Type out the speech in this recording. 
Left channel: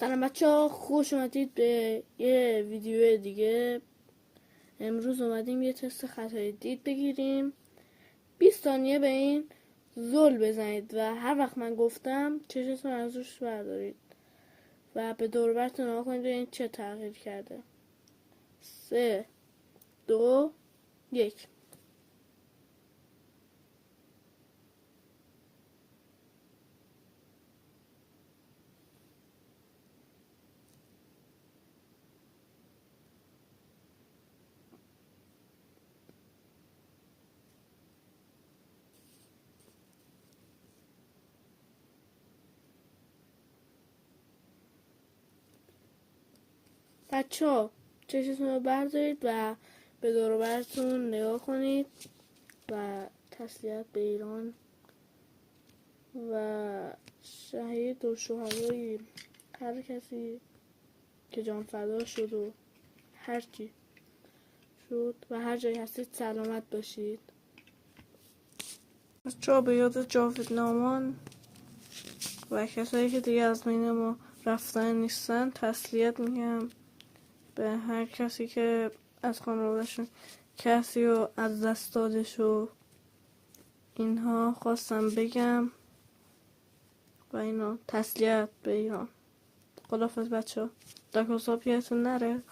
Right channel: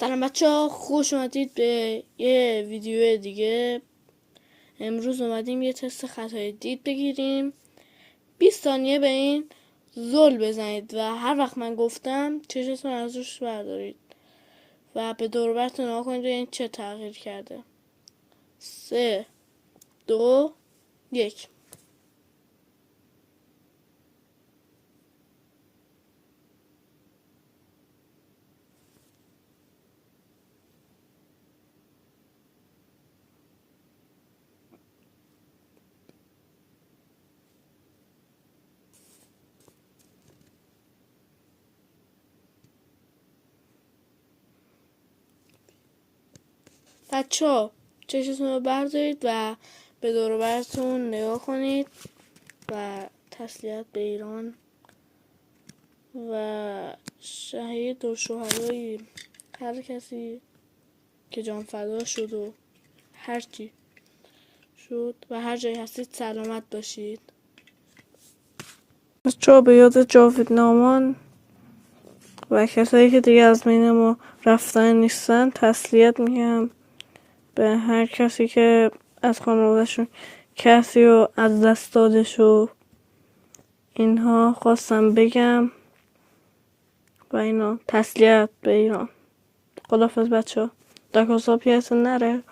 سلام بچه ها، خوش اومدید به یه ویدیو دیگه. امروز اومدیم یه تست خطای دید بگیریم. 20 ثانیه به این زل بزنید و هر وقت من گفتم چشتون از روش بردارید و به دور و برتون نگاه کنید این چه تغییر کرده. 3 2 1. بچه ها چشتون رو بردارید و به دور و برتون نگاه کنید و تسلیت به ایران و شهید و شهدای هر کسی که جان فدا شد و هر چی شد و هر جایی هستید سلامت باشید. بچه‌ها به یاد جاوید نامان و کسایی که دیگه از بین ما رفتن نیستن تسلیت میگم. به هر کسی که از خانواده‌شون کسی رو از دست داده شد اینها خواستم بگم و اینا. تسلیت به ایران. خداحافظ بچه‌ها. در حساب نره.